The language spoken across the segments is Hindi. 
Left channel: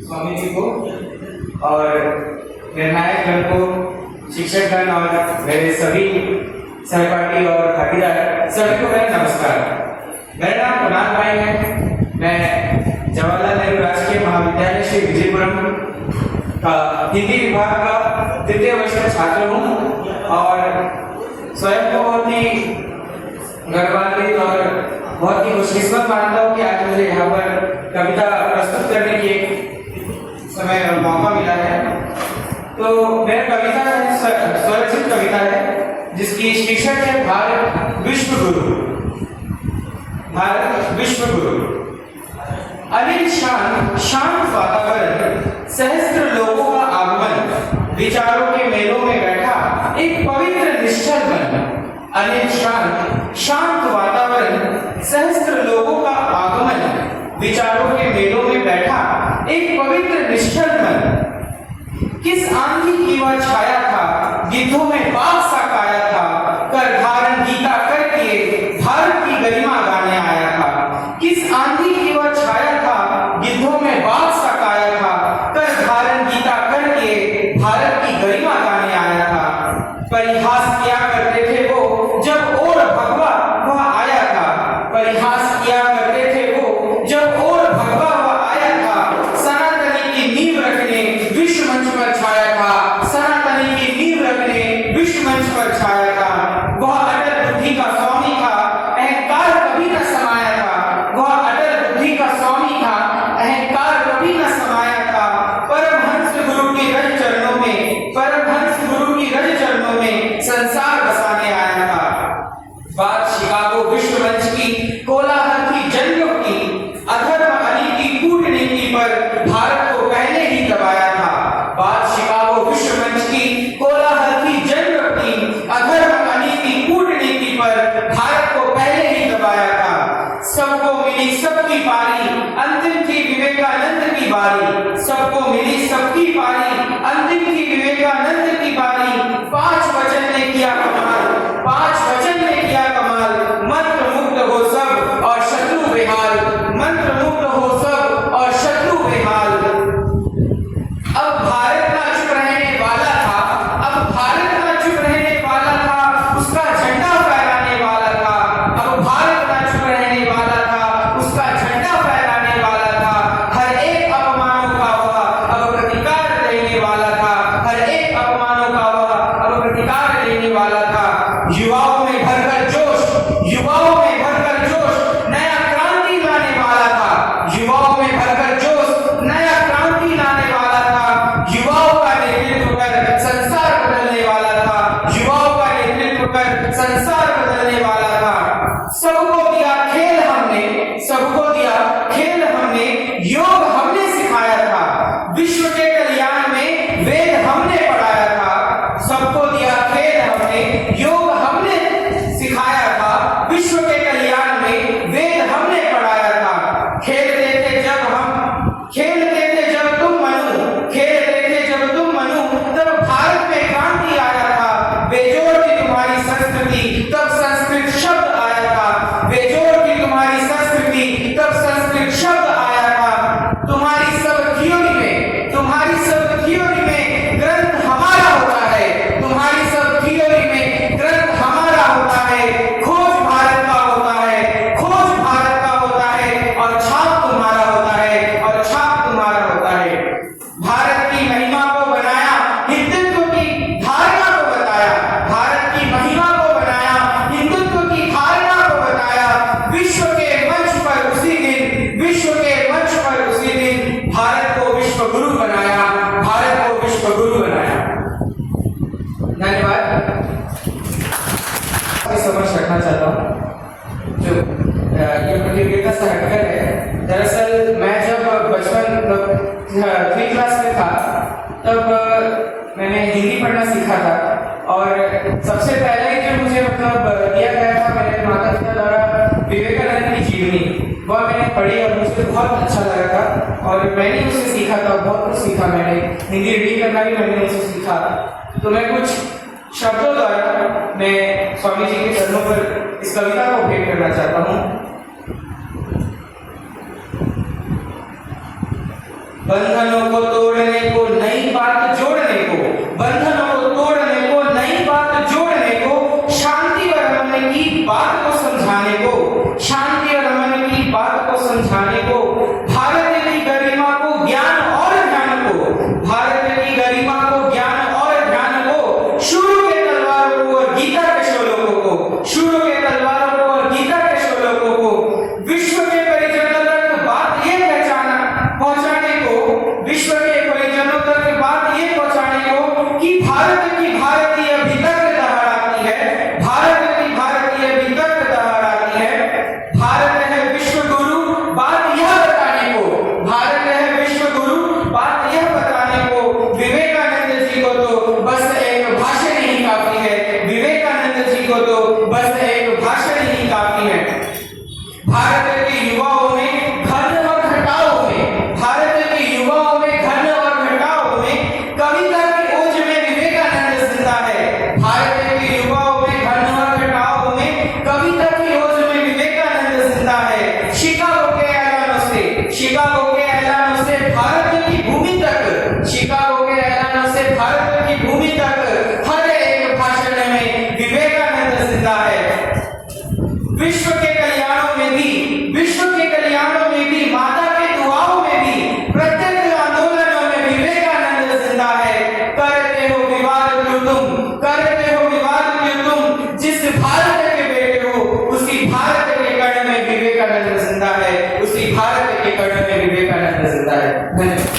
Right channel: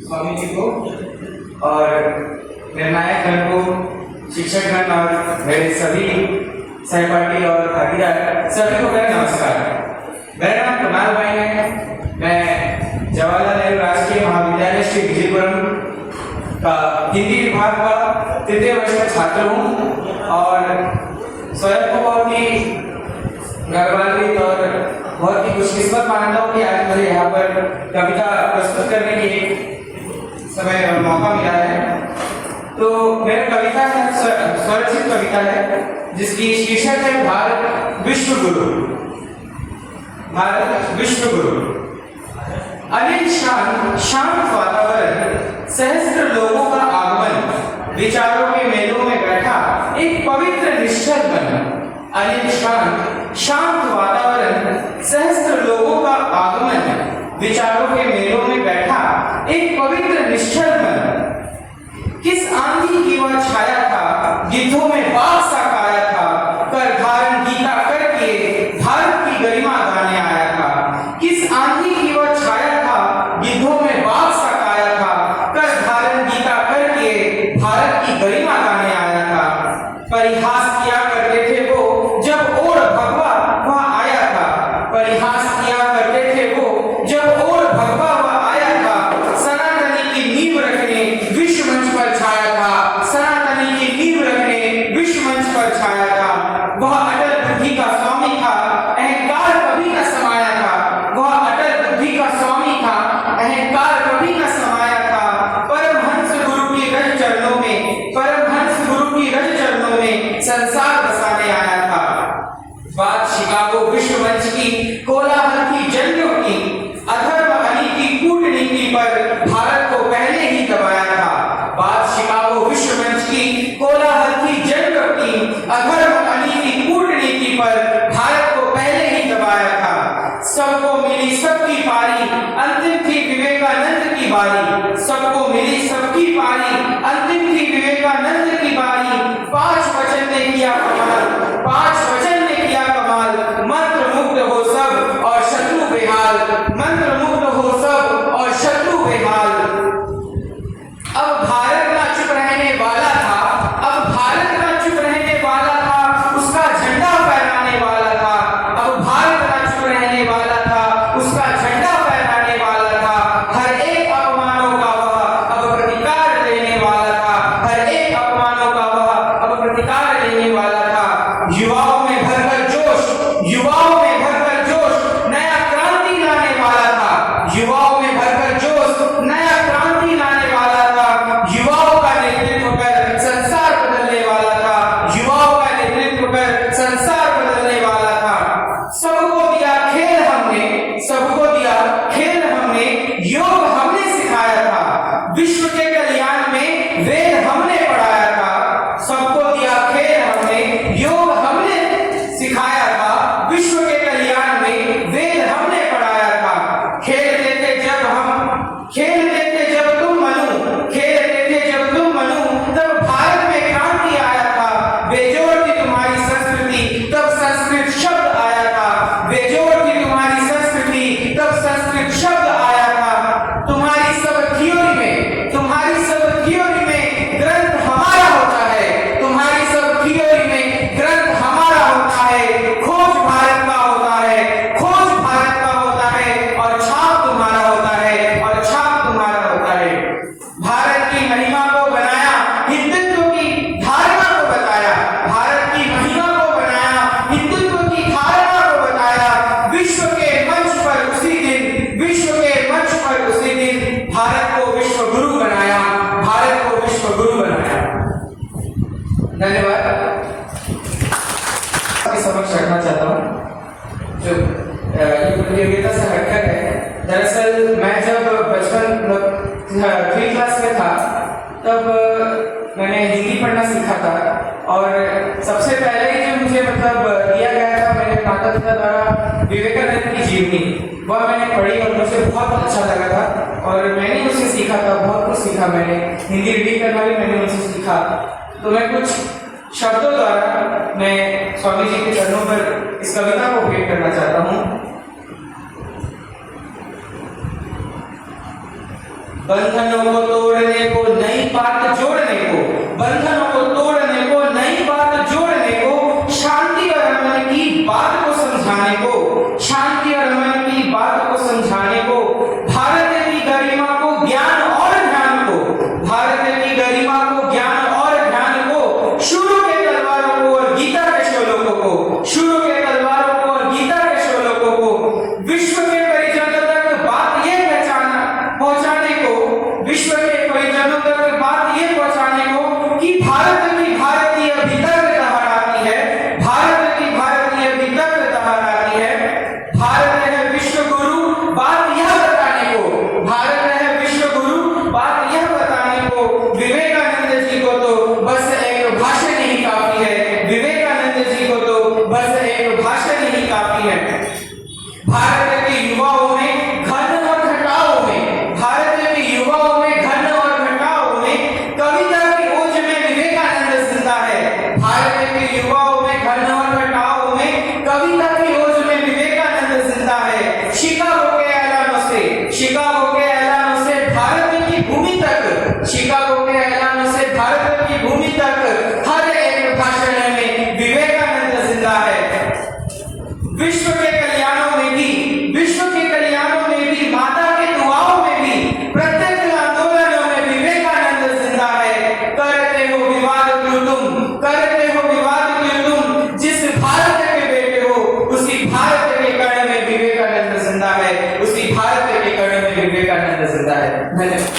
स्वामी जी को और निर्णायक गण को, शिक्षकगण और मेरे सभी सहपाठी और भागीदार सभी को मेरा नमस्कार। मेरा नाम कमाल भाई है। मैं जवाहरलाल नेहरू राजकीय महाविद्यालय श्री विजयपुरम का हिंदी विभाग का तृतीय वर्ष का छात्र हूँ और स्वयं को बहुत ही गर्वान्वित और बहुत ही खुशकिस्मत मानता हूँ कि आज मुझे यहाँ पर कविता प्रस्तुत करने की समय और मौका मिला है। तो मेरा कविता स्वरचित कविता है जिसकी शीर्षक है भारत विश्व गुरु। भारत विश्व गुरु। अनिल शांत वातावरण, सहस्त्र लोगों का आगमन, विचारों के मेलों में बैठा एक पवित्र निश्चल मन। अनिल शांत वातावरण, सहस्त्र लोगों का आगमन, विचारों के मेलों में बैठा एक पवित्र निश्चल मन। किस आंधी की वह छाया था, गिद्धों में बाग सा काया था, कर धारण गीता करके भारत की गरिमा गाने आया था। किस आंधी की वह छाया था, गिद्धों में बाग सा काया था, कर धारण गीता करके भारत की गरिमा गाने आया था। परिहास किया करते थे वो जब ओर भगवा वह आया था। परिहास किया करते थे वो जब ओर भगवा वह आया था। सनातनी की नींव रखने विश्व मंच पर छाया था। सनातनी की नींव रखने विश्व मंच पर छाया था। वह अटल बुद्धि का स्वामी था, अहंकार कभी न समाया था। वह अटल बुद्धि का स्वामी था, अहंकार कभी न समाया था। परमहंस गुरु की रज चरणों में, परमहंस गुरु की रज चरणों में संसार बसाने आया था। बात शिकागो विश्व मंच की, कोलाहल की जंगों की, अधर्म अली की कूटनीति पर भारत को पहले ही दबाया था। बात शिकागो विश्व मंच की, कोलाहल की जंगों की, अधर्म अली की कूटनीति पर भारत को पहले ही दबाया था। सबको मिली सबकी पारी, अंतिम थी विवेकानंद की बारी। सबको मिली सबकी पारी, अंतिम थी विवेकानंद की बारी। 5 वचन ने किया कमाल, 5 वचन ने किया कमाल। मंत्र मुक्त हो सब और शत्रु बेहाल, मंत्र मुक्त हो सब और शत्रु बेहाल। अब भारत ना चुप रहने वाला था, अब भारत ना चुप रहने वाला था, उसका झंडा फहराने वाला था। अब भारत ना चुप रहने वाला था, उसका झंडा फहराने वाला था। हर एक अपमानों का वह अब प्रतिकार लेने वाला था। हर एक अपमानों का वह अब प्रतिकार लेने वाला था। युवाओं में भरकर जोश, युवाओं में भरकर जोश, नया क्रांति लाने वाला था। युवाओं में भरकर जोश, नया क्रांति लाने वाला था। युवाओं का नेतृत्व कर संसार बदलने वाला था। युवाओं का नेतृत्व कर संसार बदलने वाला था। सबको दिया खेल हमने, सबको दिया खेल हमने, योग हमने सिखाया था। विश्व के कल्याण में वेद हमने पढ़ाया था। सबको दिया खेल हमने, योग हमने सिखाया था। विश्व के कल्याण में वेद हमने पढ़ाया था। खेलते थे जब हम, खेलते थे जब तुम मनु, खेलते थे जब तुम मनु, तब भारत में क्रांति आया था। बेजोड़ थी तुम्हारी संस्कृति, तब संस्कृत शब्द आया था। बेजोड़ थी तुम्हारी संस्कृति, तब संस्कृत शब्द आया था। तुम्हारी सब थियोरी में, तुम्हारी सब थियोरी में ग्रंथ हमारा होता है। तुम्हारी सब थियोरी में ग्रंथ हमारा होता है। खोज भारत का होता है, खोज भारत का होता है, और छाप तुम्हारा होता है, और छाप तुम्हारा होता है। भारत की महिमा को बनाया, हिंदुत्व की धारणा को बताया। भारत की महिमा को बनाया, हिंदुत्व की धारणा को बताया। विश्व के मंच पर उसी दिन, विश्व के मंच पर उसी दिन भारत को विश्व गुरु बनाया, भारत को विश्व गुरु बनाया। धन्यवाद। समझ रखना चाहता हूँ जो ये प्रतियोगिता से हटकर है। दरअसल मैं जब बचपन 3 क्लास में था तब मैंने हिंदी पढ़ना सीखा था और सबसे पहले ही जो मुझे दिया गया था मेरे माता पिता द्वारा विवेकानंद की जीवनी, वह मैंने पढ़ी और मुझे बहुत अच्छा लगा था और मैंने उससे सीखा था, बहुत कुछ सीखा मैंने। हिंदी रीडिंग करना भी मैंने उससे सीखा। तो मैं कुछ शब्दों द्वारा मैं स्वामी जी के चरणों पर इस कविता को भेंट करना चाहता हूँ। बंधनों को तोड़ने को, नई बात जोड़ने को, बंधनों को तोड़ने को, नई बात जोड़ने को, शांति और अमन की बात को समझाने को, शांति और अमन की बात को समझाने को, भारत की गरिमा को, ज्ञान और ध्यान को, भारत की गरिमा को, ज्ञान और ध्यान को, शूरों के तलवारों को और गीता के श्लोकों को, शूरों के तलवारों को और गीता के श्लोकों को विश्व के परिजनों तक बात ये पहुंचाने को, विश्व के परिजनों तक बात ये पहुंचाने को कि भारत की भारतीय भीतर दहाड़ाती है, भारत की भारतीय भीतर दहाड़ाती है, भारत है विश्व गुरु, बात यह बताने को, भारत है विश्व गुरु, बात यह बताने को, विवेकानंद जी को तो बस एक भाषण ही काफी है, विवेकानंद जी को तो बस एक भाषण ही काफी है। भारत के युवाओं में घन और घटाओं में, भारत के युवाओं में घन और घटाओं में कविता की ओज में विवेकानंद जिंदा है, भारत के युवाओं में घन और घटाओं में कविता की ओज में विवेकानंद जिंदा है। शिकागो के ऐलानों से, शिकागो के ऐलानों से भारत की भूमि तक, शिकागो के ऐलानों से भारत की भूमि तक हर एक भाषण में विवेकानंद जिंदा है। विश्व के कल्याणों में भी, विश्व के कल्याणों में भी, माता के दुआओं में भी, प्रत्येक आंदोलनों में विवेकानंद जिंदा है। करते हो विवाद क्यों तुम, करते हो विवाद क्यों तुम, जिस भारत के बेटे हो उसी भारत के कण में विवेकानंद जिंदा है, उसी भारत के कण में विवेकानंद जिंदा है। धन्यवाद।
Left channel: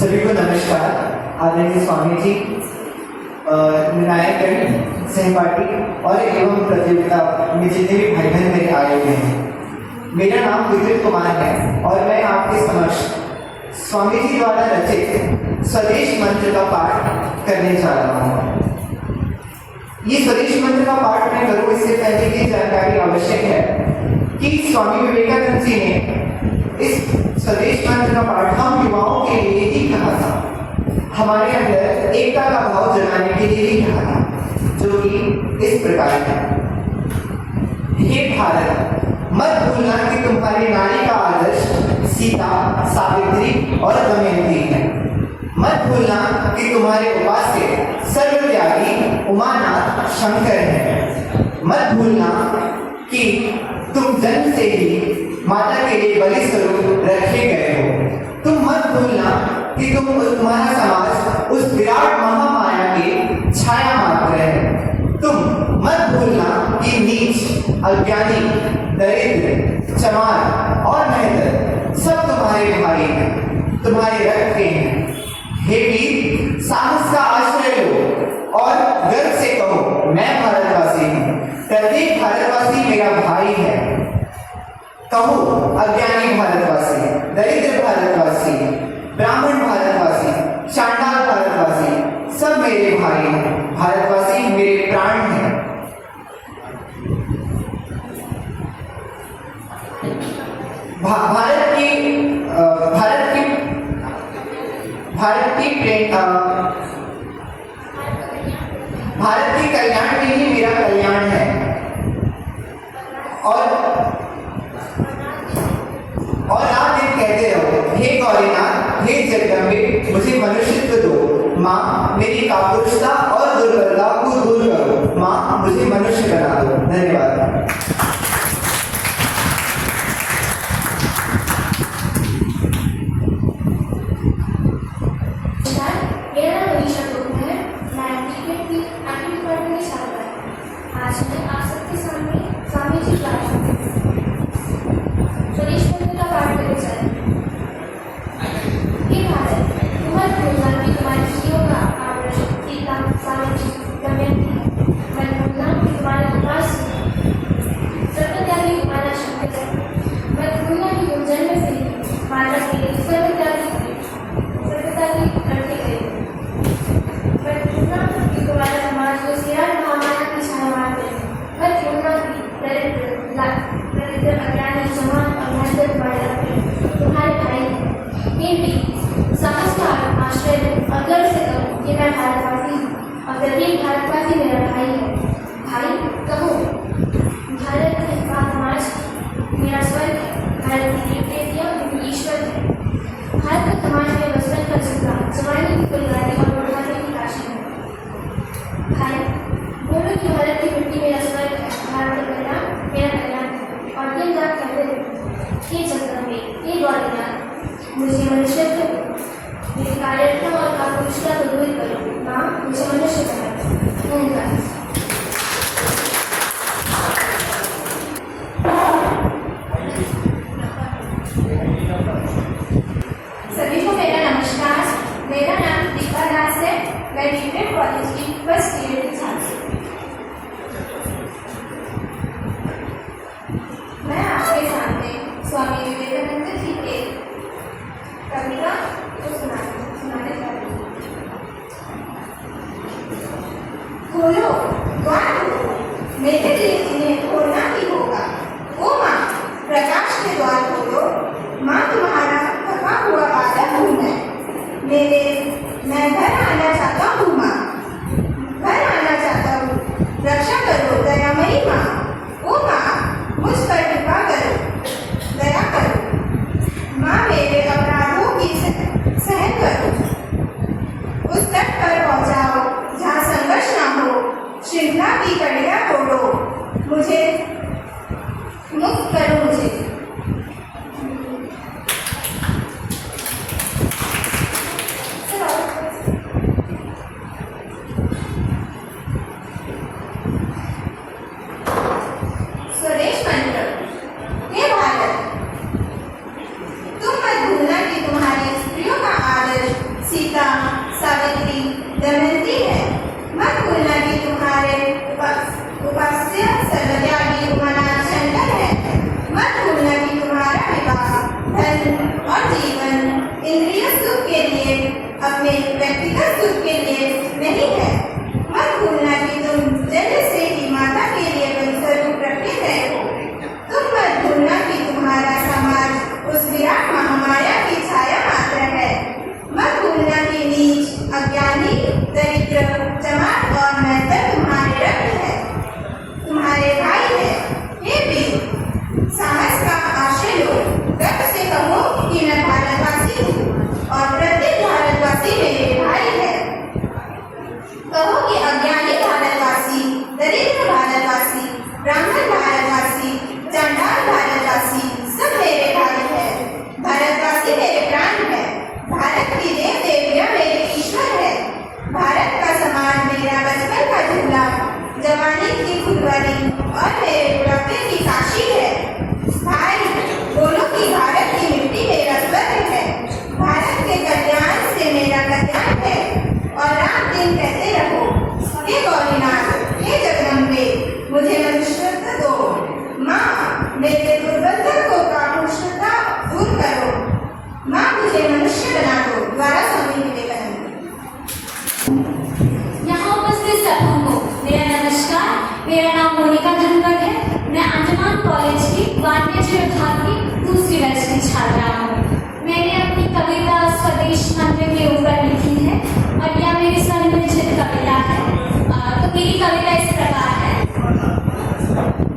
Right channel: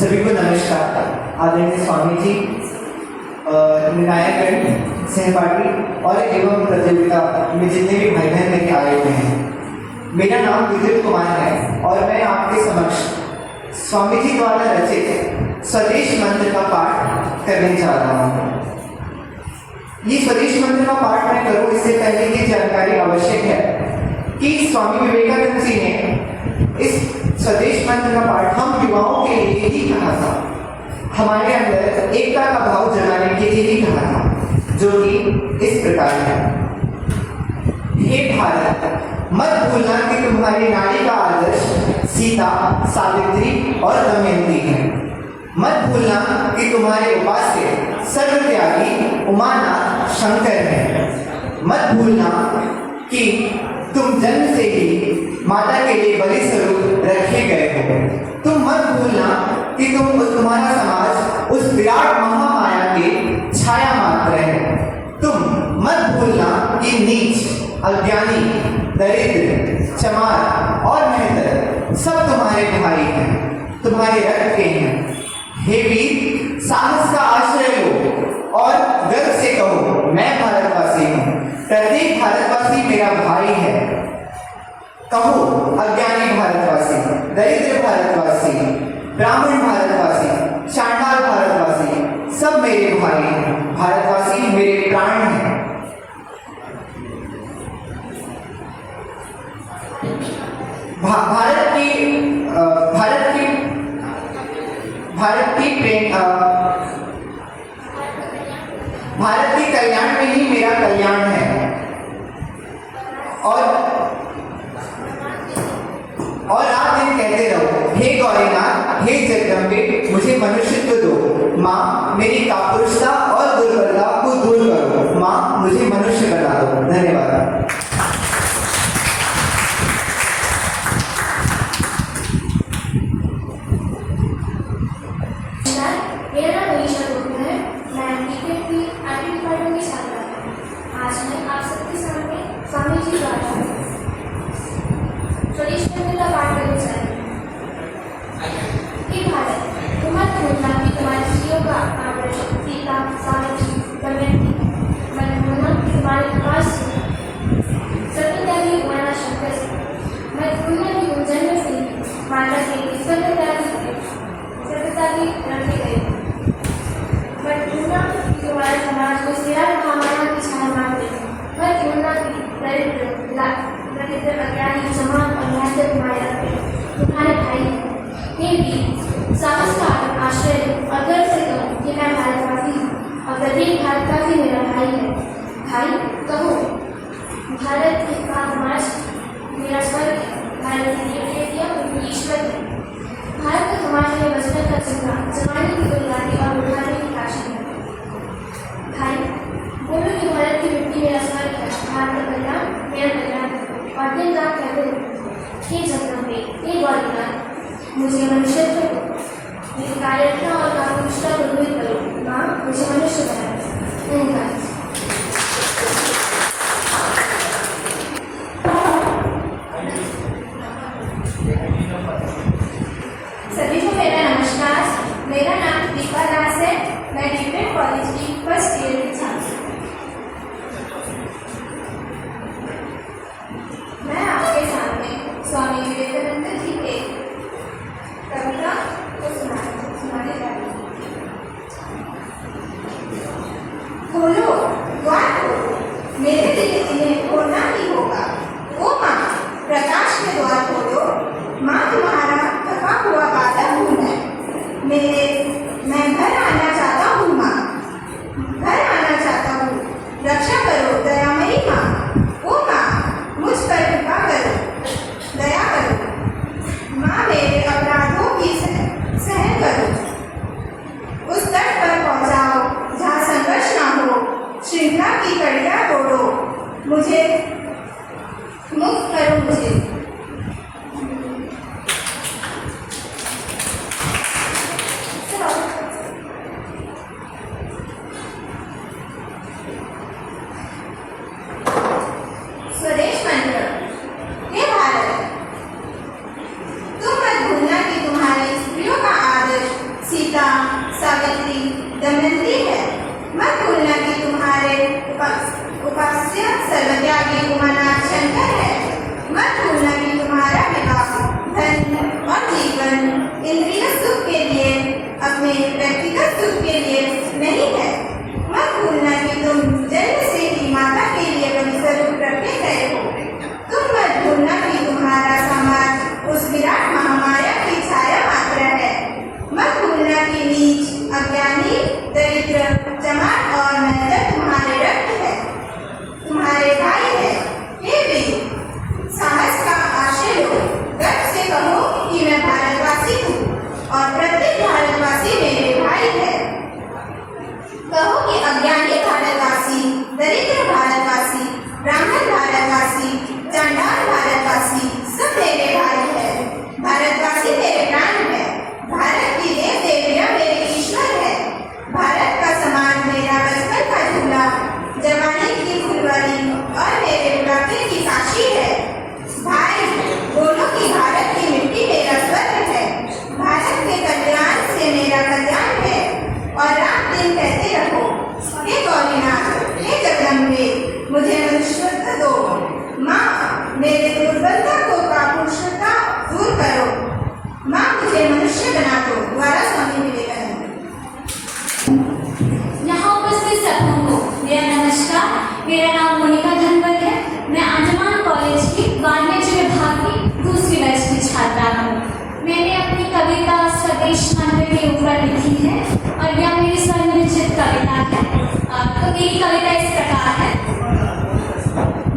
सभी को नमस्कार। आदरणीय स्वामी जी, नायकगण, सहपाठी और एवं प्रतियोगिता में जितने भी भाई बहन मेरे आए हुए हैं, मेरा नाम विद्युत कुमार है और मैं आपके समक्ष स्वामी जी द्वारा रचित स्वदेश मंत्र का पाठ करने जा रहा हूँ। ये स्वदेश मंत्र का पाठ मैं करूँ इससे पहले की जानकारी आवश्यक है कि स्वामी विवेकानंद जी ने इस स्वदेश मंत्र का पाठ हम युवाओं के लिए ही कहा था, हमारे अंदर एकता का भाव जगाने के लिए ही कहा था, जो कि इस प्रकार है। हे भारत, मत भूलना कि तुम्हारे नारी का आदर्श सीता, सावित्री और दमयंती है। मत भूलना कि तुम्हारे उपास्य सर्वत्यागी उमानाथ शंकर है। मत भूलना कि तुम जन्म से ही माता के लिए बलि स्वरूप रखे गए हो। तुम मत भूलना कि तुम्हारा समाज उस विराट महामाया की छाया मात्र है। तुम मत भूलना कि नीच, अज्ञानी, दरिद्र, चमार और मेहतर सब तुम्हारे भाई हैं, तुम्हारे रक्त के हैं। हे वीर, साहस का आश्रय लो और गर्व से कहो, मैं भारतवासी हूँ। प्रत्येक भारतवासी मेरा भाई है। कहो, अज्ञानी भारतवासी, दरिद्र भारतवासी, ब्राह्मण भारतवासी, चांडाल भारतवासी, सब मेरे भाई हैं। भारतवासी मेरे प्राण हैं। भारत के कल्याण में ही मेरा कल्याण है। और रात दिन कहते रहो, हे गौरीनाथ, हे जगदम्बे, मुझे मनुष्यत्व दो। माँ, मेरी कापुरुषता और दुर्बलता को दूर करो। माँ, मुझे मनुष्य बना दो। धन्यवाद। मेरा नाम मनीषा है। मैं क्रिकेट की 8वीं डिपार्टमेंट में छात्रा हूँ। आज मैं आप सबके सामने स्वामी जी द्वारा स्वदेश मंत्र का पाठ करने जा रही हूँ। हे भारत, तुम मत भूलना कि तुम्हारी स्त्रियों का आदर्श सीता, सावित्री, दमयंती है। मत भूलना कि तुम्हारे विकास से सर्वत्यागी उमानाथ शंकर से। मत भूलना कि तुम जन्म से माता के सर्वत्यागी रखे गए। मत भूलना कि तुम्हारे समाज को विराट महामाया की छाया मानते हैं। मत भूलना कि दरिद्र, अज्ञानी, जमान और मेहतर तुम्हारे भाई हैं। हे वीर, साहस का आश्रय लो और गर्व से कहो कि मैं भारतवासी हूँ। और भाई है। भाई कहो, भारत का समाज मेरा स्वर्ग है। भारत की देवता ईश्वर है। भारत का समाज में बचपन का चुका, जवानी की गुलजारी और बुढ़ापे की काशी है। भाई बोलो कि भारत की मिट्टी मेरा स्वर्ग है। भारत का कल्याण मेरा कल्याण है। और दिन रात कहते रहो, ये जगदम्बे, ये गौरनाथ, मुझे मनुष्यत्व दो, मेरी कार्यता और कापुरुषता को दूर करो। माँ मुझे मनुष्य बनाए। उनका सभी को मेरा नमस्कार। मेरा नाम दीपा दास है। मैं डीएड कॉलेज की फर्स्ट ईयर की छात्र हूँ। मैं आपके सामने स्वामी विवेकानंद जी के कविता को सुनाने जा रही हूँ। खोलो द्वार खोलो, मेरे लिए इन्हें खोलना ही होगा। ओ माँ प्रकाश के द्वार खोलो, माँ तुम्हारा थका हुआ बादल हूँ मैं घर आना चाहता हूँ। माँ घर आना चाहता हूँ, रक्षा करो दयामयी माँ। ओ माँ मुझ पर कृपा करो, दया करो। माँ मेरे अपराधों की सहन करो, उस तट पर पहुँचाओ जहाँ संघर्ष ना हो। श्रृंखला की कड़ियाँ तोड़ो, मुझे मुक्त करो। मुझे स्वदेश मंत्र। हे भारत, तुम मत भूलना कि तुम्हारी स्त्रियों का आदर्श सीता, सावित्री, दमयंती है। मत भूलना कि तुम्हारे उपास्य सर्वत्यागी उमानाथ शंकर है। मत भूलना कि तुम्हारा विवाह धन और जीवन इंद्रिय सुख के लिए, अपने व्यक्तिगत सुख के लिए नहीं है। मत भूलना कि तुम जन्म से ही माता के लिए बलिस्वरूप रखे गए हो। तुम मत भूलना कि तुम्हारा समाज उस विराट महामाया की छाया मात्र है। मत भूलना कि नीच, अज्ञानी, दरिद्र, चमार और मैथर तुम्हारे रक्त है, तुम्हारे भाई है। हे वीर, साहस का आश्रय लो, गर्व से कहो कि मैं भारतवासी हूँ और प्रत्येक भारतवासी मेरे भाई है। कहो कि अज्ञानी भारतवासी, दरिद्र भारतवासी, ब्राह्मण भारतवासी, चांडाल भारतवासी सब मेरे भाई है। भारतवासी मेरे प्राण है। भारत की देव देवियाँ मेरे ईश्वर है। भारत का समाज मेरा बचपन का झूला, जवानी की फुलवारी और मेरे बुढ़ापे की काशी है। भाई बोलो कि भारत की मिट्टी मेरा स्वर्ग है। भारत के कल्याण से मेरा कल्याण है। और रात दिन कहते रहो, हे गौरीनाथ, हे जगदम्बे, मुझे मनुष्यत्व दो। माँ मेरे दुर्बलता को कापुरुषता दूर करो। माँ मुझे मनुष्य बना दो। द्वारा स्वामी विवेकानंद। यहाँ उपस्थित सबों को मेरा नमस्कार। मेरा नाम मोनिका धनवत है। मैं अंजुमन कॉलेज की वाणिज्य विभाग की दूसरी वर्ष की छात्रा हूँ। मैंने अपनी कविता स्वदेश मंत्र के ऊपर लिखी है और यह मेरी स्वरचित कविता है। तो मेरी कविता इस प्रकार है।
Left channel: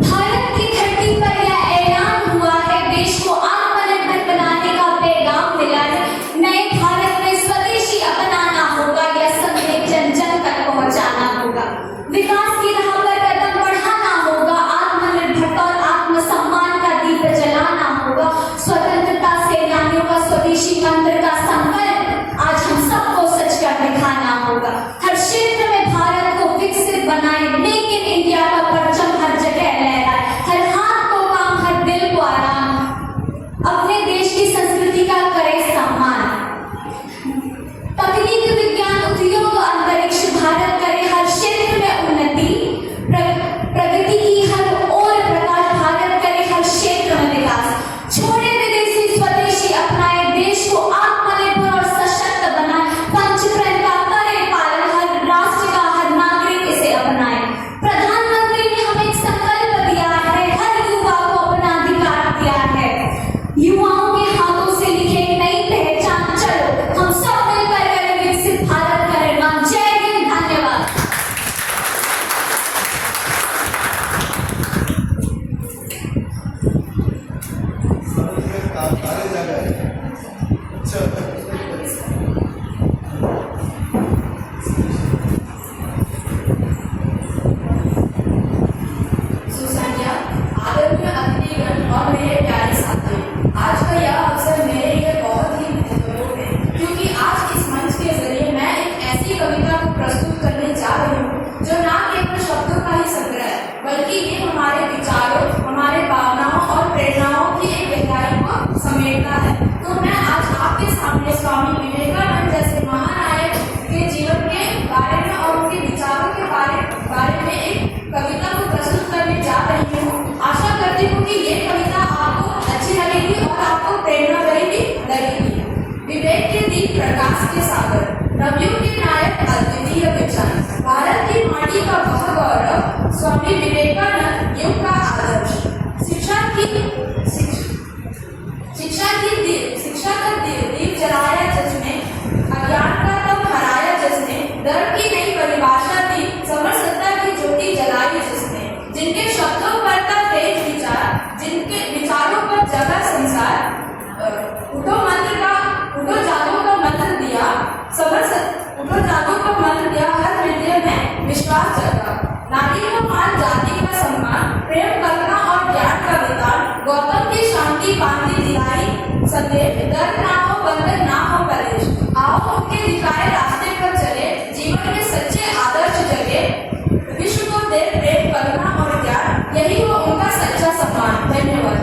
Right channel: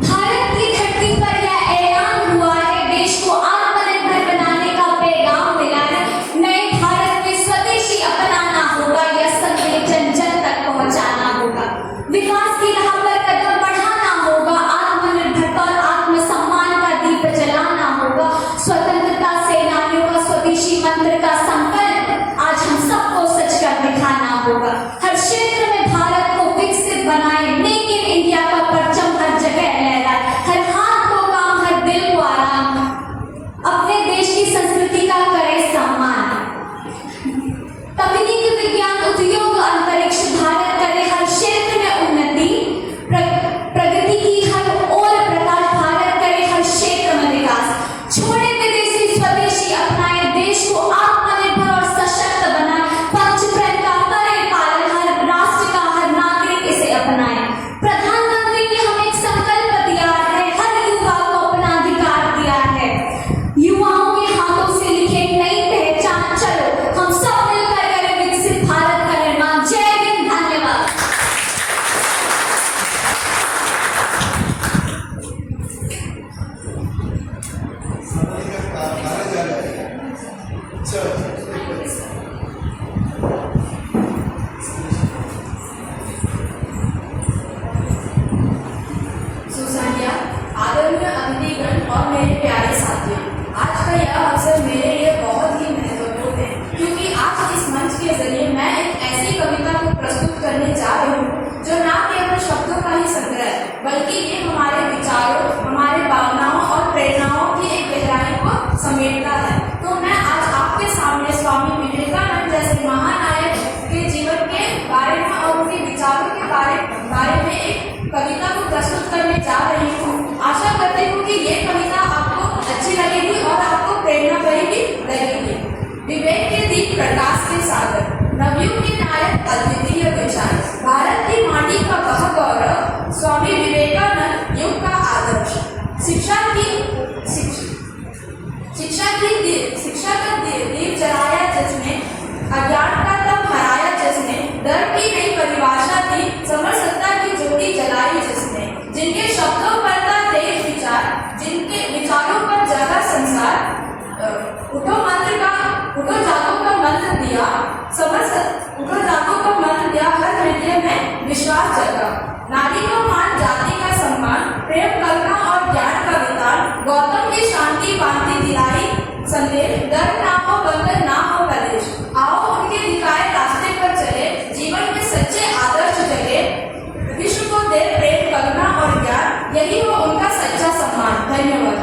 भारत की धरती पर यह ऐलान हुआ है, देश को आत्मनिर्भर बनाने का पैगाम मिला है। नए भारत में स्वदेशी अपनाना होगा, यह संदेश जन जन तक पहुंचाना होगा। विकास की राह पर कदम बढ़ाना होगा, आत्मनिर्भरता और आत्मसम्मान का दीप जलाना होगा। स्वतंत्रता सेनानियों का स्वदेशी मंत्र का संकल्प आज हम सबको सच कर दिखाना होगा। हर क्षेत्र में भारत को विकसित बनाए, मेक इन इंडिया का परचम हर जगह लहराए। हर हाथ को काम, हर दिल को आराम, अपने देश की संस्कृति का करे सम्मान। तकनीक, विज्ञान, उद्योग, अंतरिक्ष, भारत करे हर क्षेत्र में उन्नति। शिक्षा का दीप जलाया जिसने, अज्ञान का तम हराया जिसने, धर्म की नई परिभाषा दी, समरसत्ता की ज्योति जलाई जिसने, जिनके शब्दों पर था तेज विचार, जिनके विचारों पर जगा संसार, उठो जागो का मंत्र दिया, उठो जागो का मंत्र दिया, हर हृदय में विश्वास जगा। नारी को मान, जाति का सम्मान, प्रेम करुणा और ज्ञान का विकार, गौतम की शांति बांधी दिलाई संदेश, डर ना हो, बंधन ना हो कलेश। आओ उनके दिखाए रास्ते पर चले, जीवन में सच्चे आदर्श जगे, विश्व को दे प्रेम करुणा और ज्ञान, यही हो उनका सच्चा सम्मान। धन्यवाद।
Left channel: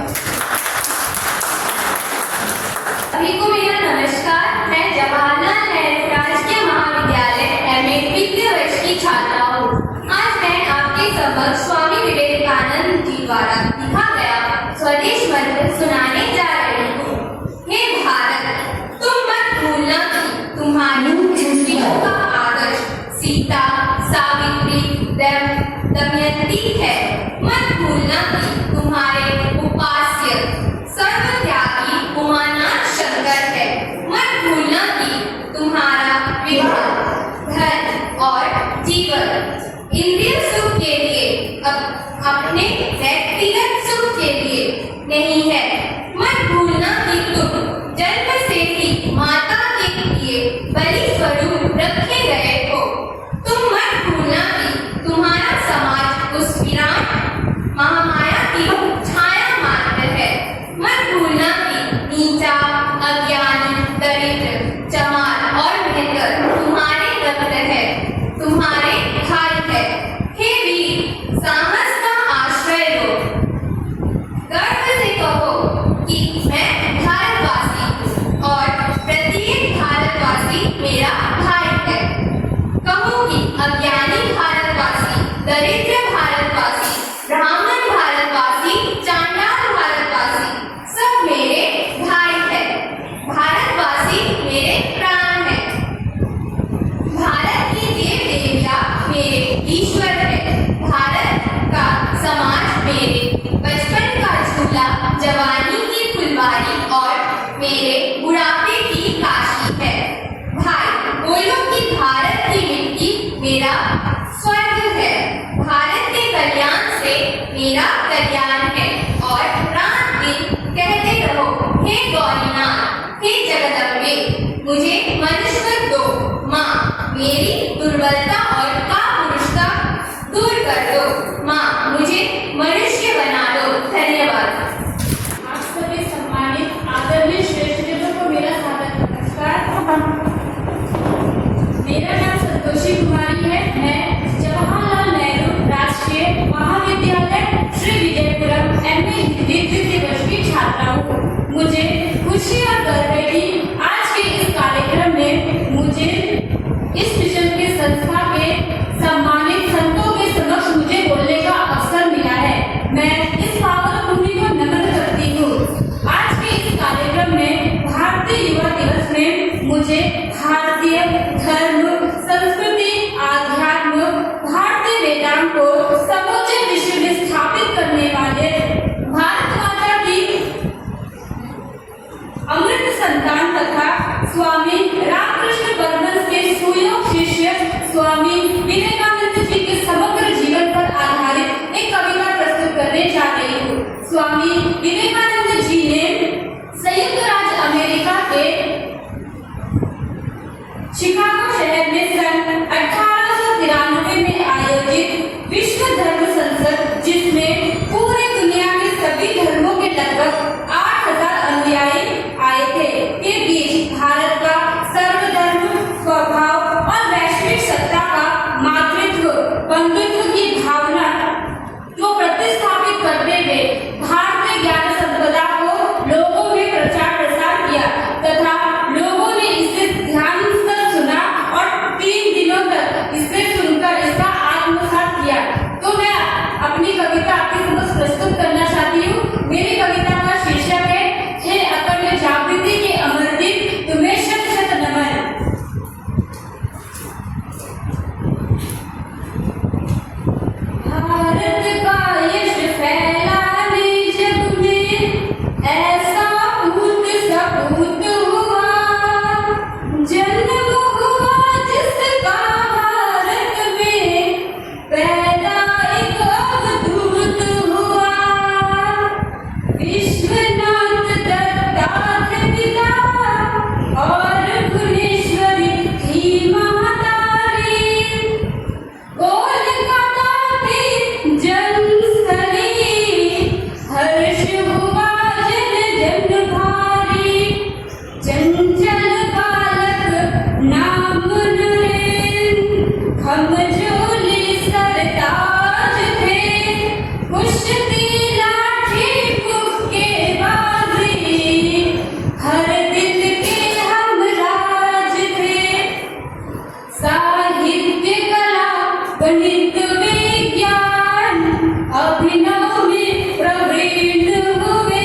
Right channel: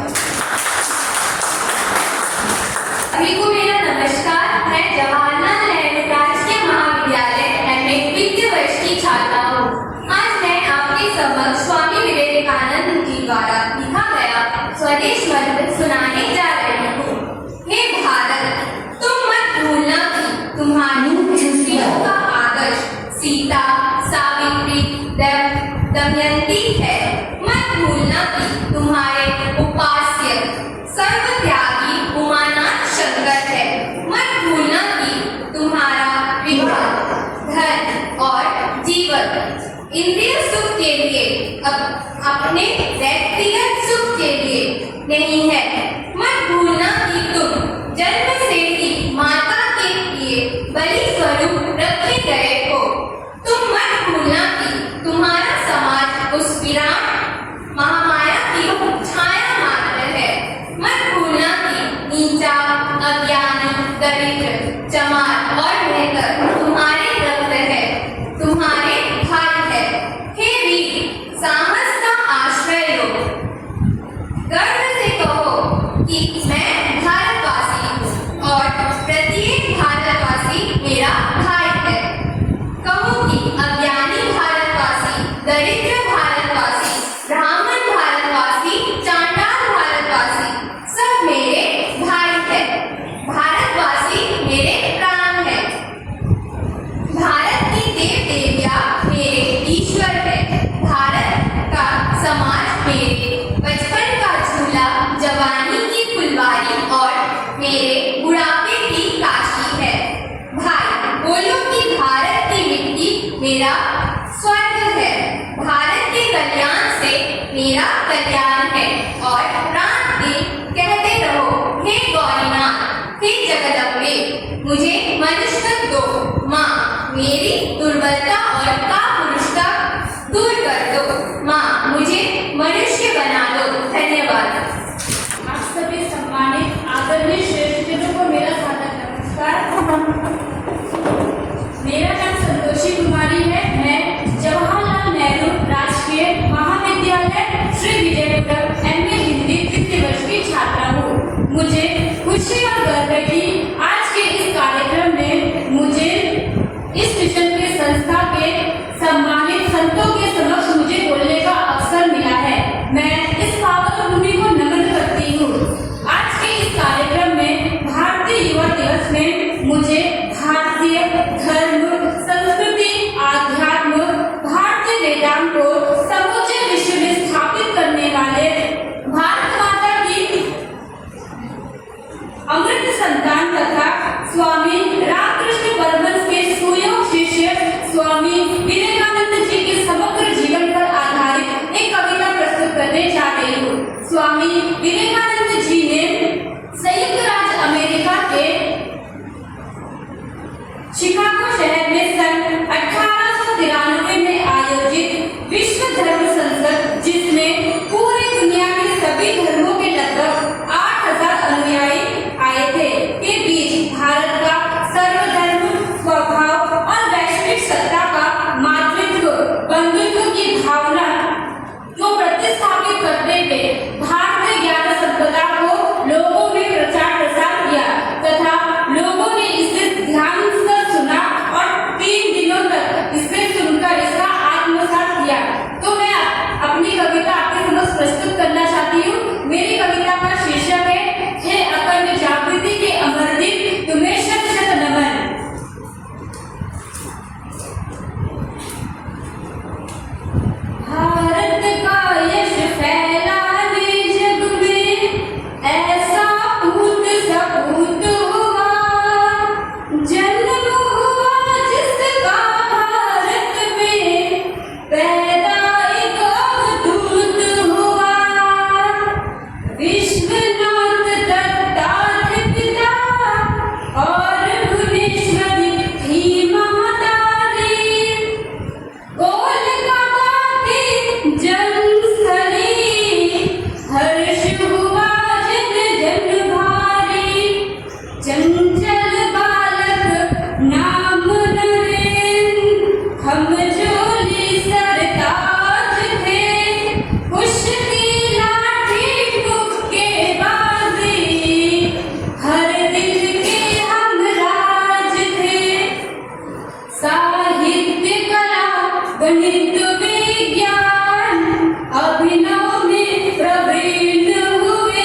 सभी को मेरा नमस्कार। मैं जवाहरलाल नेहरू राजकीय महाविद्यालय MA द्वितीय वर्ष की छात्रा हूँ। आज मैं आपके समक्ष स्वामी विवेकानंद जी द्वारा लिखा गया स्वदेश मंत्र सुनाने जा रही हूँ। हे भारत, तुम मत भूलना कि तुम्हारी स्त्रियों का आदर्श सीता, सावित्री, दमयंती है। मत भूलना कि तुम्हारे उपास्य सर्वत्यागी उमानाथ शंकर है। मत भूलना कि तुम्हारा विवाह धन और जीवन इंद्रिय सुख के लिए, अपने व्यक्तिगत सुख के लिए नहीं है। मत भूलना कि तुम जन्म से ही माता के लिए बलि स्वरूप रखे गए हो। तुम मत भूलना कि तुम्हारा समाज उस विराट महामाया की छाया मात्र है। मत भूलना कि नीचा, अज्ञानी, दरिद्र, चमार और मेहतर तुम्हारे रक्त है, तुम्हारे भाई है। हे वीर, साहस का आश्रय लो, गर्व से कहो कि मैं भारतवासी हूँ और प्रत्येक भारतवासी मेरा भाई है। कहो कि अज्ञानी भारतवासी, दरिद्र भारतवासी, ब्राह्मण भारतवासी, चांडाल भारतवासी सब मेरे भाई है। भारतवासी मेरे प्राण है। भारत की देव देवियाँ मेरे ईश्वर है। भारत का समाज मेरे बचपन का झूला, जवानी की फुलवारी और मेरे बुढ़ापे की काशी है। भाई बोलो कि भारत की मिट्टी मेरा स्वर्ग है। भारत के कल्याण से मेरा कल्याण है। और रात दिन कहते रहो, हे गौरीनाथ, हे जगदम्बे, मुझे मनुष्य दो। माँ, मेरी दुर्बलता और कापुरुषता दूर कर दो। माँ, मुझे मनुष्य बना दो। धन्यवाद। आप सभी सम्मानित आदरणीय श्रेष्ठजनों को मेरा सादर नमस्कार। मेरा नाम संतोषी कुमारी है। मैं जवाहरलाल नेहरू राजकीय महाविद्यालय श्री विजयपुरम MA हिंदी द्वितीय वर्ष की छात्रा हूँ। मुझे खुशी और गर्व है कि आज के इस कार्यक्रम में मुझे इस मिशन के संस्था के सम्मानित संतों के समक्ष मुझे बोलने का अवसर मिला है। मैं इस पावन भूमि को नमन करती हूँ। आज के इस कार्यक्रम में भारतीय युवा दिवस में मुझे भारतीय धर्म, संस्कृति, आध्यात्म, भारतीय वेदांत को समूचे विश्व में स्थापित करने वाले भारत माता की अमृत संतान तथा स्वामी रामकृष्ण परमहंस के सुयोग शिष्य स्वामी विवेकानंद जी के समग्र जीवन पर आधारित एक कविता प्रस्तुत करने जा रही हूँ। स्वामी विवेकानंद जी ने संयुक्त राज्य अमेरिका के शिकागो शहर में सन 1893 में आयोजित विश्व धर्म संसद, जिसमें पूरी दुनिया के सभी धर्मों के लगभग 8000 अनुयायी आए थे, के बीच भारत का सर्वधर्म स्वभाव और वैश्विक सत्ता का गणित विज्ञान अभिनव में प्रवीण हुए,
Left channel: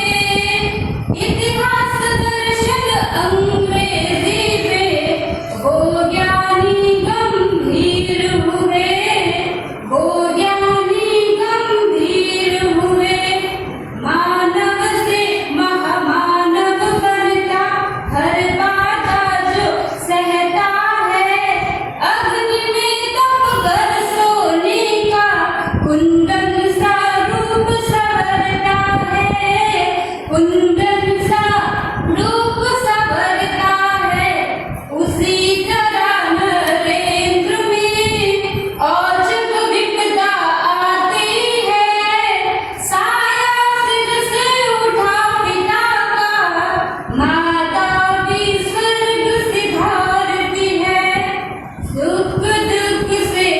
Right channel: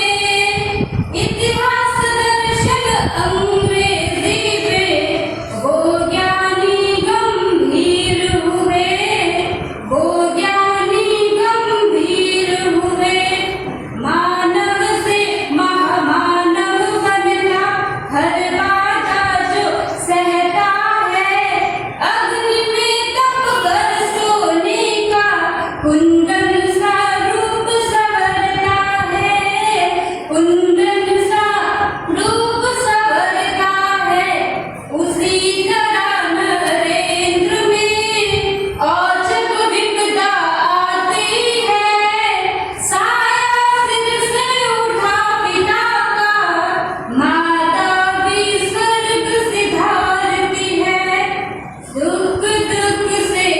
इतिहास दर्शन अंग्रेजी में वो ज्ञानी गंभीर हुए, वो ज्ञानी गंभीर हुए। मानव से महामानव बनता हर बाधा जो सहता है, अग्नि में तप कर सोने का कुंदन सा रूप संवरता है, कुंदन सा रूप संवरता है। उसी तरह नरेंद्र में औचक विपदा आती है, साया सिर से उठा पिता का, माता भी स्वर्ग सिधारती है। सुख दुख से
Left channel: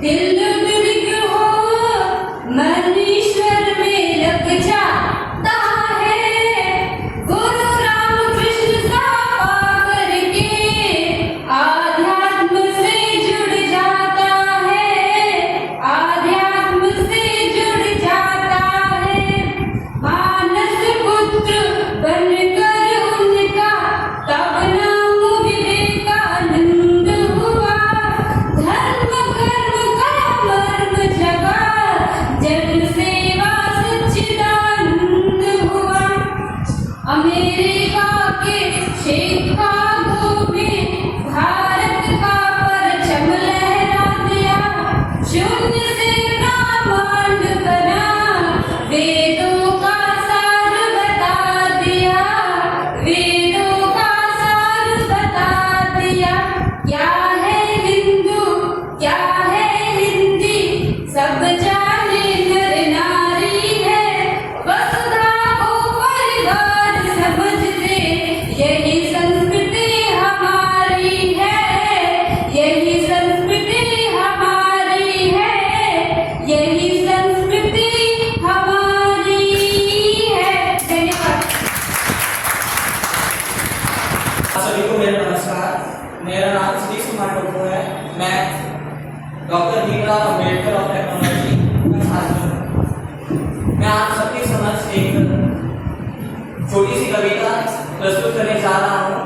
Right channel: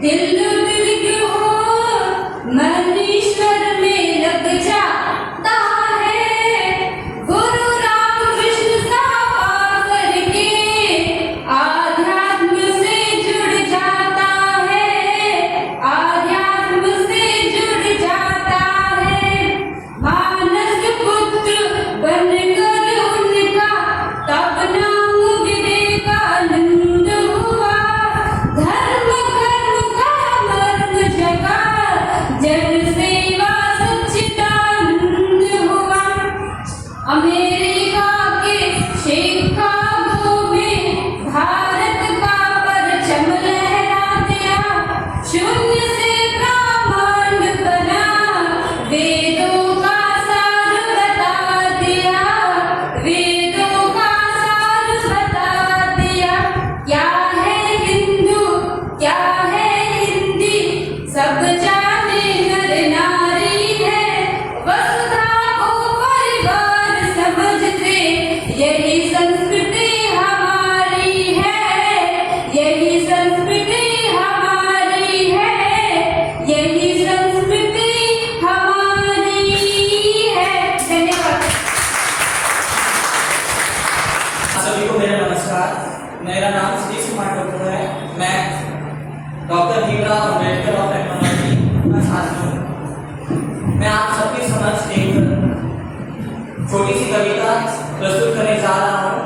दिल बिलग हो, मन ईश्वर में लग जाता है। गुरु रामकृष्ण सा पाकर के आध्यात्म से जुड़ जाता है, आध्यात्म से जुड़ जाता है। मानस पुत्र बनकर उनका तब नाम विवेकानंद हुआ। धर्म कर्म का मर्म जगा, जन सेवा सच्चिदानंद हुआ। अमेरिका के शिकागो में भारत का परचम लहरा दिया। शून्य से ब्रह्मांड बना, वेदों का सार बता दिया, वेदों का सार बता दिया। क्या है हिंदू, क्या है हिंदी, सब जाने नर नारी है। वसुधा को परिवार समझते, यही संस्कृति हमारी है, यही संस्कृति हमारी है, यही संस्कृति हमारी है। धन्यवाद। सभी को मेरा नमस्कार। मेरा नाम सतीश कुमार कपूर है। मैं doctor Bhimrao Ambedkar of technology का छात्र हूँ। मैं आप सबके समक्ष एक छोटी सी कविता प्रस्तुत करने जा रहा हूँ,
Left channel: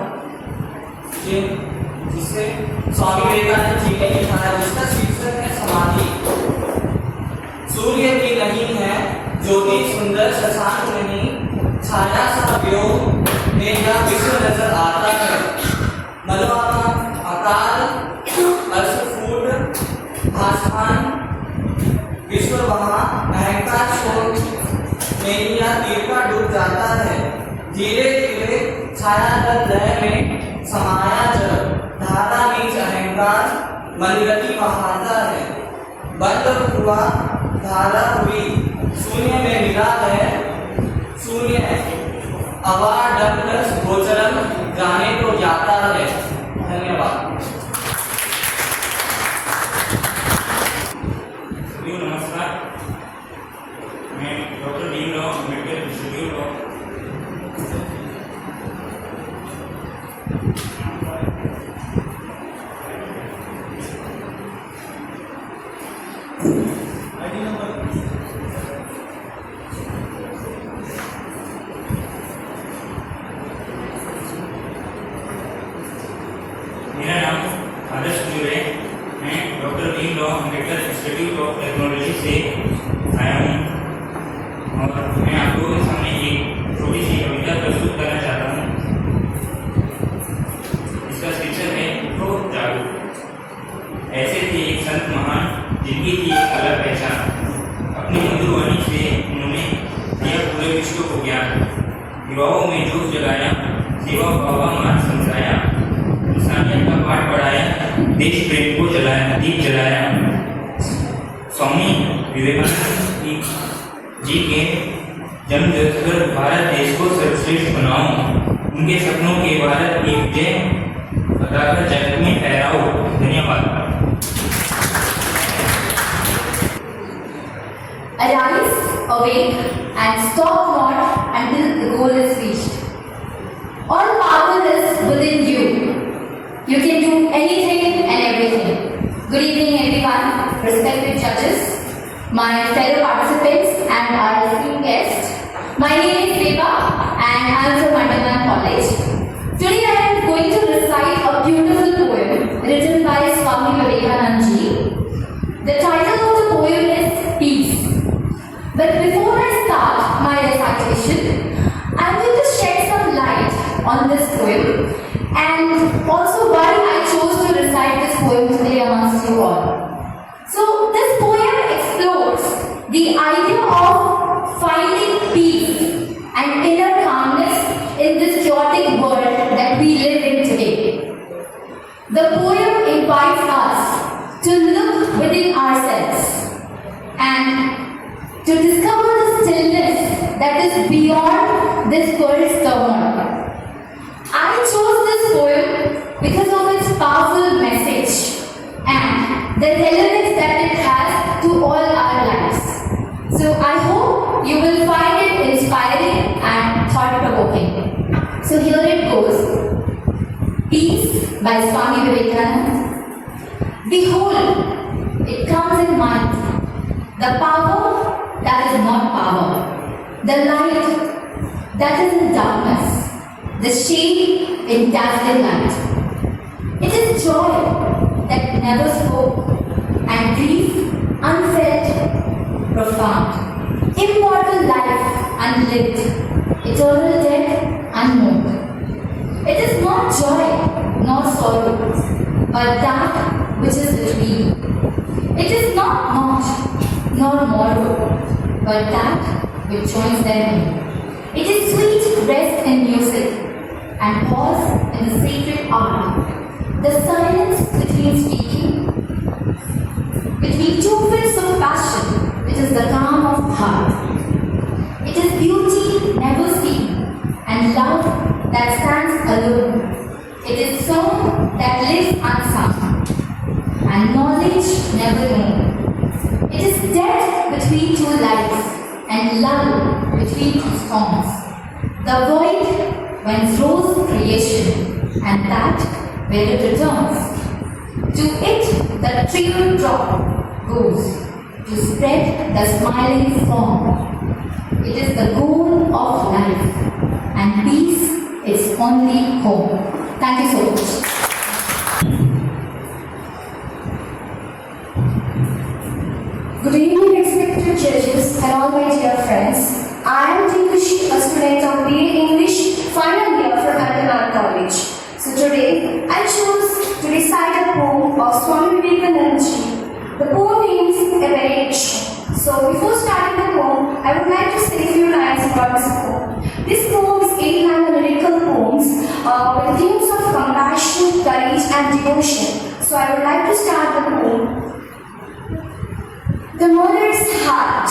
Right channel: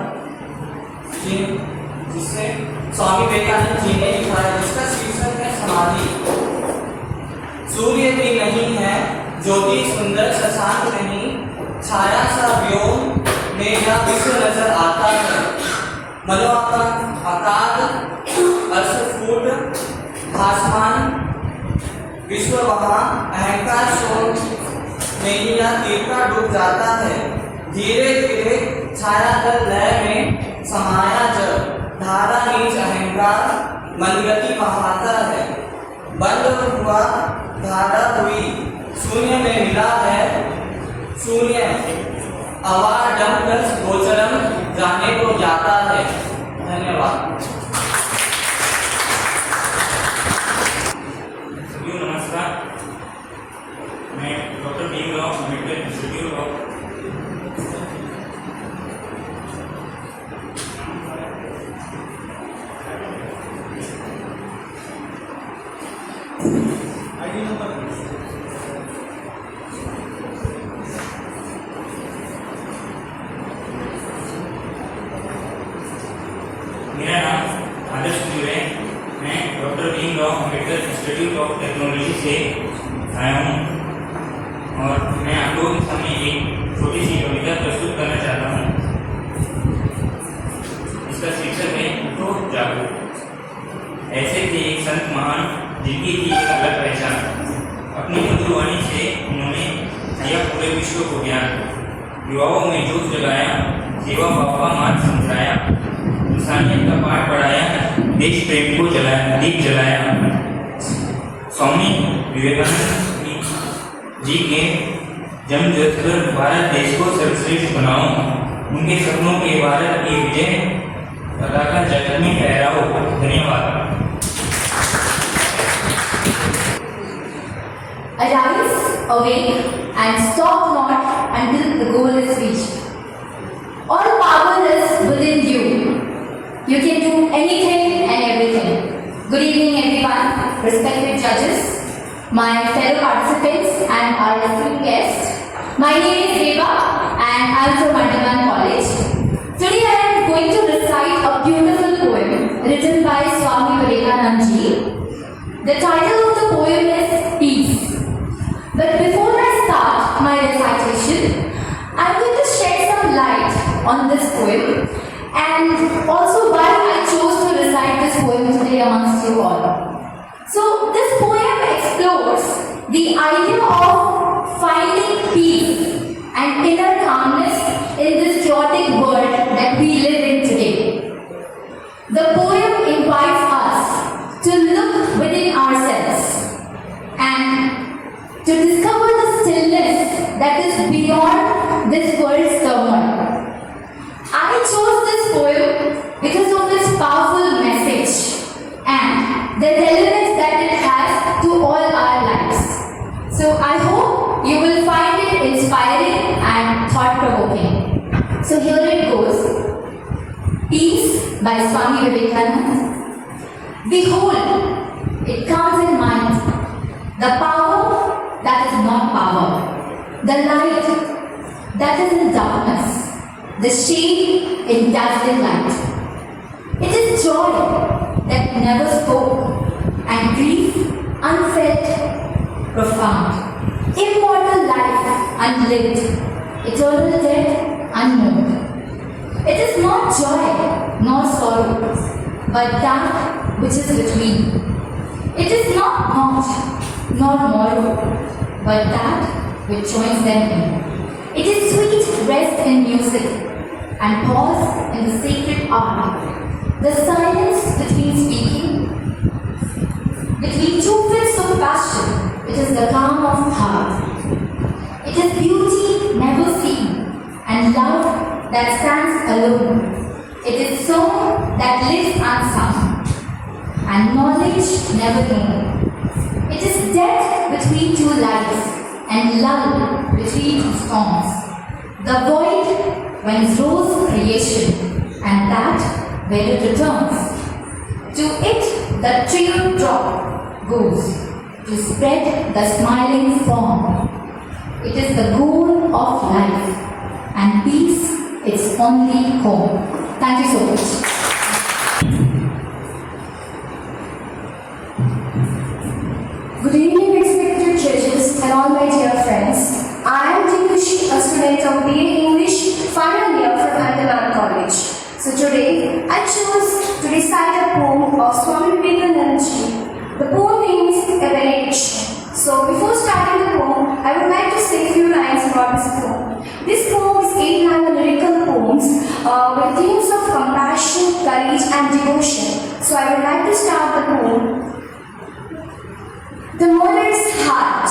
जिससे स्वामी विवेकानंद जी ने लिखा है, जिसका शीर्षक है समाधि। सूर्य भी नहीं है, ज्योति सुंदर शशांक नहीं, छाया सा व्योम मेघा विश्व नजर आता है। मलवाका अकाल अर्शफूट भासमान विश्व वहाँ अहंकार शोक नैया तिरका डूब जाता है। धीरे धीरे छाया दल लय में समाया जब, धारा नीच अहंकार मनगति बहाता है। बंद हुआ धारा हुई, शून्य में मिला है शून्य। अवाडम प्लस गोचरम जाने को जाता है। धन्यवाद। नमस्कार, मैं doctor Bhimrao Ambedkar institute of मेरा नाम आदर्श कुमार है। मैं doctor Bhimrao Ambedkar institute of technology से आया हूँ और मैं आपको सामने एक छोटी सी कविता प्रस्तुत करना चाहता हूँ। इसका शीर्षक है उठो जागो। ऐसे थे एक संत महान, जिनकी थी एक अलग पहचान। अपनी मधुर वाणी से उन्होंने दिया पूरे विश्व को ज्ञान। युवाओं में जोश जगाया, सेवा भाव का मार्ग समझाया, इंसानियत का पाठ पढ़ाया, देश प्रेम को जलाया, दीप जलाया। स्वामी विवेकानंद जी के जन्म दिवस पर भारत देश को सर्वश्रेष्ठ बनाओ, उनके सपनों के भारत की विजय लगाकर जगत में फहराओ। धन्यवाद। Arise, awake, and stop not until the goal is reached. All power is within you. You can do anything and everything. Good evening, everyone. respected judges, my fellow participants and our esteemed guests. My name is Reva and I am from Andaman College. Today I am going to recite a beautiful poem written by Swami Vivekananda ji. The title of the poem is Peace. But before I start my recitation, I am going to shed some light on this poem and also why I chose to recite this poem today amongst you all. So this poem explores the idea of finding peace and inner calmness in this chaotic world that we live in today. The poem invites us to look within ourselves and to discover the stillness that is beyond this world's turmoil. I chose this poem because of its powerful message and the relevance that it has to all our lives. So I hope you will find it inspiring and thought-provoking. So here it goes. Peace by Swami Vivekananda. Behold, it comes in mind, the power that is not power, the light that is in darkness, the shade in dazzling light. It is joy that never spoke and grief unfelt, profound, immortal life unlived, eternal death unknown. It is not joy nor sorrow, but that which is between. It is not not nor morrow, but that which joins them in. It is sweet rest in music and pause in the sacred hour. The silence between speaking, between two fits of passion, it is the calm of heart. It is beauty never seen and love that stands alone. It is song that lives unsung and knowledge never known. It is death between two lives and lull between two storms. The void when throws creation and that where it returns. To it the teardrop goes to spread the smiling form. It is the goal of life and peace its only home. Thank you so much. Good evening, respected judges and all my dear friends. I am Tingushi, a student of BA English final year from Andaman College. So today, I chose to recite a poem of Swami Vivekananda ji. The poem name is Evaluation. So before starting the poem, I would like to say a few lines about this poem. This poem is 8 lyrical poems with themes of compassion, courage and devotion. So I would like to start the poem. The mother's heart,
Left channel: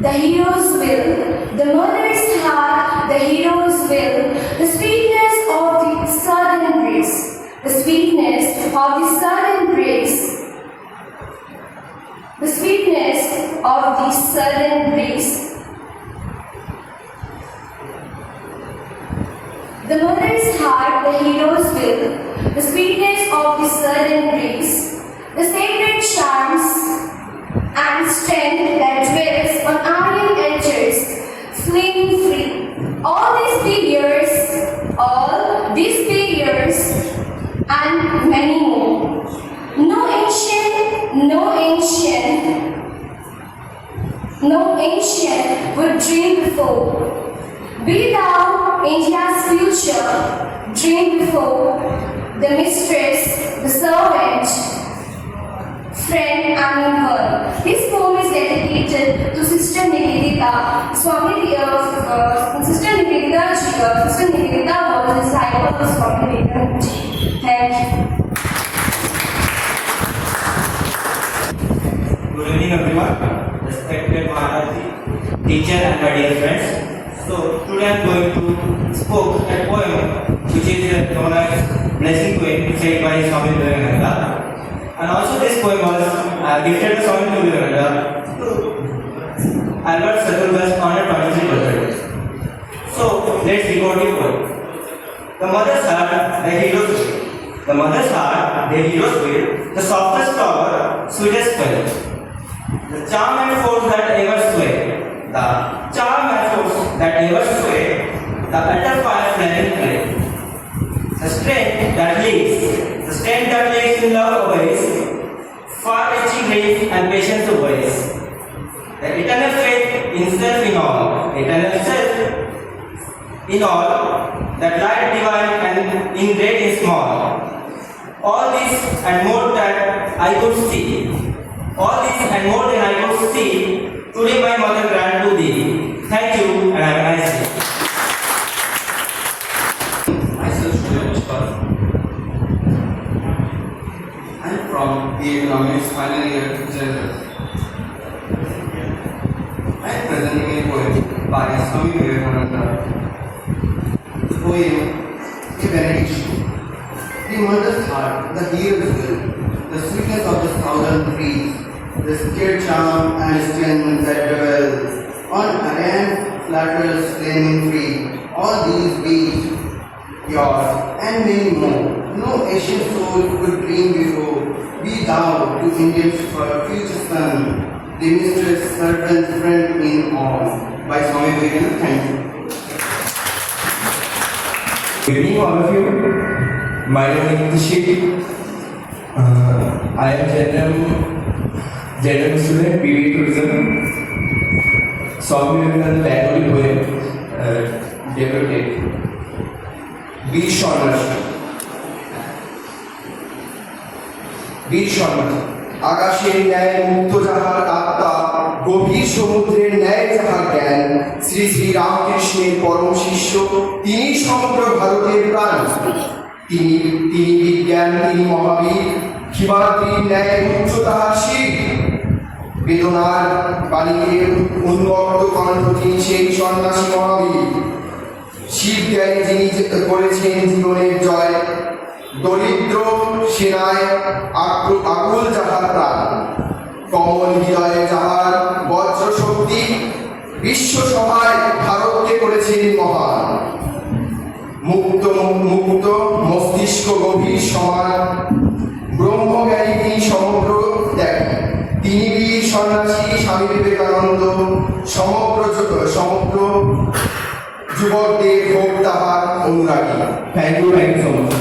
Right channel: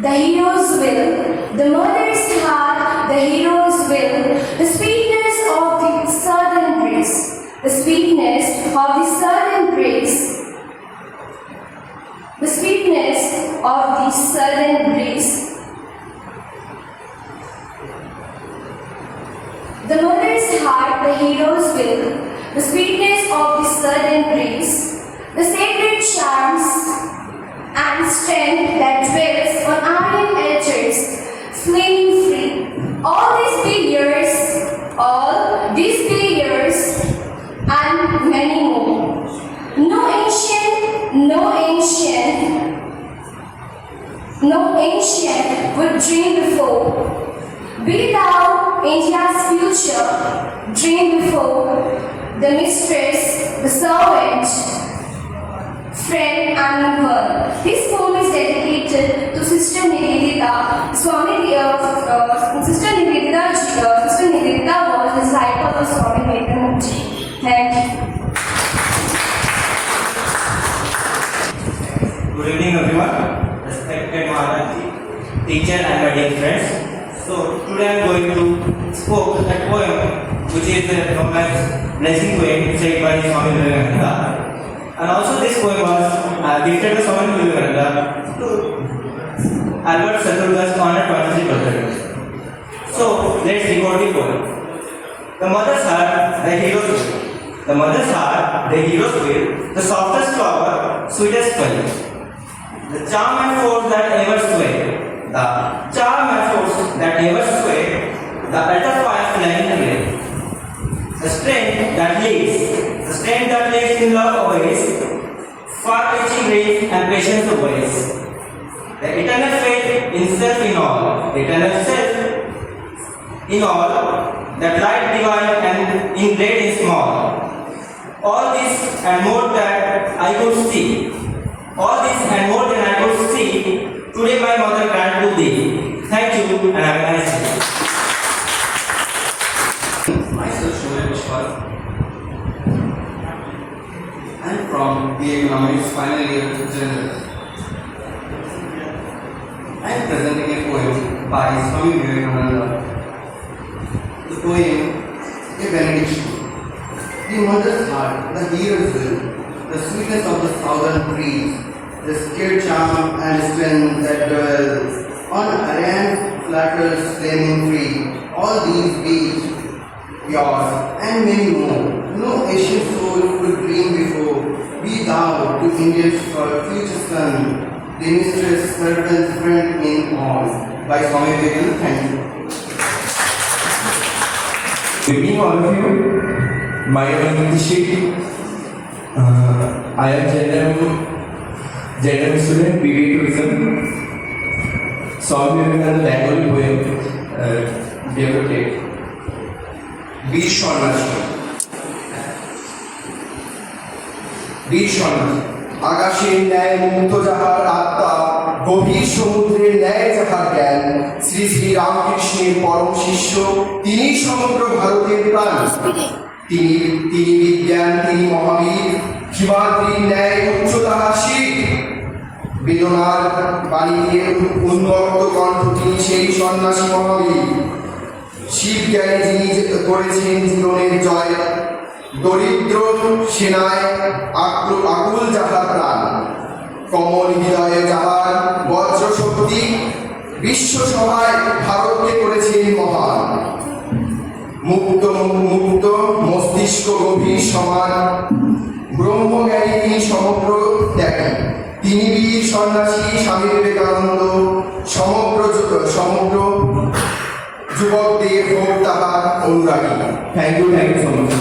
the hero's will, the mother's heart, the hero's will, the sweetness of the southern breeze, the sweetness of the southern breeze, the sweetness of the southern breeze. The mother's heart, the hero's will, the sweetness of the southern breeze, the sacred charms and strength that dwells on iron edges, flaming free. All these figures, and many more. No ancient would dream before. Be thou India's future, dream before. The mistress, the servant, friend and her. This poem is dedicated to Sister Nivedita. Sister Nivedita was the disciple of Swami Vivekananda. Thank you. Good evening, everyone. Respected Maharaj, teacher, and my dear friends. So today I am going to spoke a poem which is known as Blessing Poem, said by Swami Vivekananda. And also this poem was gifted to Swami Vivekananda to Albert Sadhguru's honored 26th birthday. So let's record the poem. The mother's heart, the hero's will, The mother's heart, the hero's will, the softest flower, sweetest spell. The charm and force that ever sway, the charm and force that ever sway, the utter fire flaming ray. The strength that leads in love obeys, far-reaching grace and patience obeys. The eternal faith in self in all, eternal self in all, that light divine and in great and small. All this and more that I could see. All this and more than I could see, today my mother grant to thee. Thank you and have a nice day. Myself, Shubham Pushpal. I'm from the Economics final year general. I am presenting a poem by Swami Vivekananda. The poem, A Benediction. The mother's heart, the hero's will, the sweetness of the southern breeze, the scared charm and strength that dwells on Aryan flatters flaming free. All these beats, yours and many more. No Asian soul could dream before. Be thou to India's future son, the mistress, servant, friend in all. By Swami Vivekananda. Thank you. Good evening, all of you. My name is Nitish. I am general student, BA Tourism. Swami Vivekananda Bengali poem, devoted. বীর সন্ন্যাসী। বীর সন্ন্যাসী আকাশের ন্যায় মুক্ত যাহার আত্মা, গভীর সমুদ্রের ন্যায় যাহার জ্ঞান, শ্রী শ্রী রামকৃষ্ণের পরম শিষ্য, তিনি সমগ্র ভারতের প্রাণ। তিনি বিজ্ঞান, তিনি মহাবীর, হিমাদ্রির ন্যায় উচ্চ তাহার শির। বেদনার বাণীকে উন্মত্ত কণ্ঠ, তিনি সেই সন্ন্যাসী মহাবীর। শিব জ্ঞানী যিনি করেছেন জীবনের জয়, দরিদ্র সেনায় আকুল যাহার প্রাণ, কমল হৃদয়ে যাহার বজ্র শক্তি, বিশ্ব সভায় ভারতকে করেছেন মহান। মুক্ত মস্তিষ্ক গভীর সমান, ব্রহ্মজ্ঞানী তিনি সমগ্র ত্যাগী। তিনি বীর সন্ন্যাসী স্বামী বিবেকানন্দ, সমগ্র যুবকদের হোক তাহার অনুরাগী। Thank you so much.